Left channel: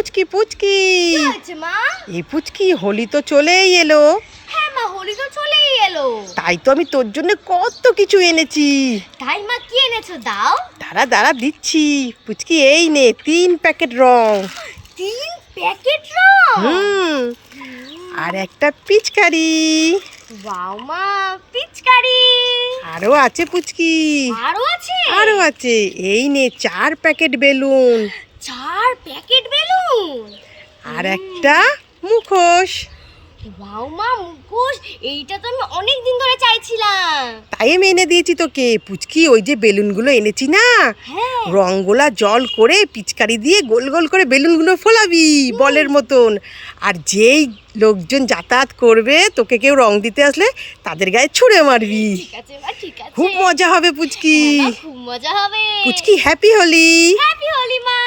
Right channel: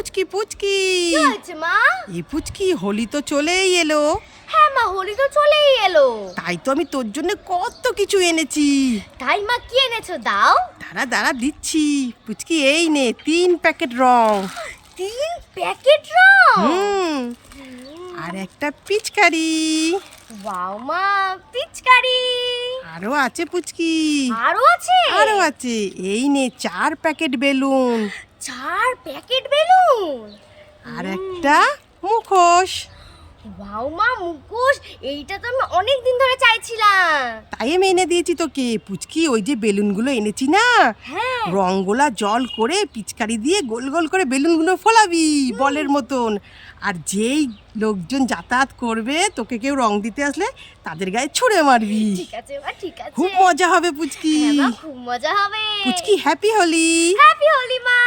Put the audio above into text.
পুচকি পুচকি, কি হয়েছে মা? এই পুচকি হোলি তো চলেই এলো। হ্যাঁ মা, হোলি তো চলেই এলো। তাই তো আমি তোর জন্য কত কিছু এনেছি। তাই মা, কি এনেছো দাও? দাঁড়া দাঁড়া দিচ্ছি। পুচকি এই নে 3 প্যাকেট রং। 3 প্যাকেট রং? হুম, আর একটা পিচকারি। ওয়াও মা, পিচকারি। আরো আছে পুচকি, আরো আছে? আরো আছে। এই নে 4 প্যাকেট বেলুন, 4 প্যাকেট বেলুন। আর একটা মুখোশ। ওয়াও মা, মুখোশ। এইটা তো আমি অনেক দিন ধরে চাইছিলাম। তাই আমি এনে দিয়েছি তোকে। পুচকি ওই যে বেলুনগুলো এনেছি না, হ্যাঁ। রঙগুলা জল করে পিচকারি দিয়ে গোল গোল করে বেলুনগুলো ফোলাবি বলের মতন। আর যেই লোকজন যাতায়াত করবে, তোকে কেউ রং দিতে আসলে তাদের গায়ে ছুঁড়ে মারবি। ঠিক আছে মা, ঠিক আছে। খুব মজা হবে পুচকি। হ্যাঁ মা, খুব মজা হবে। পুচকি হ্যাপি হোলি। হ্যাপি হোলি মা।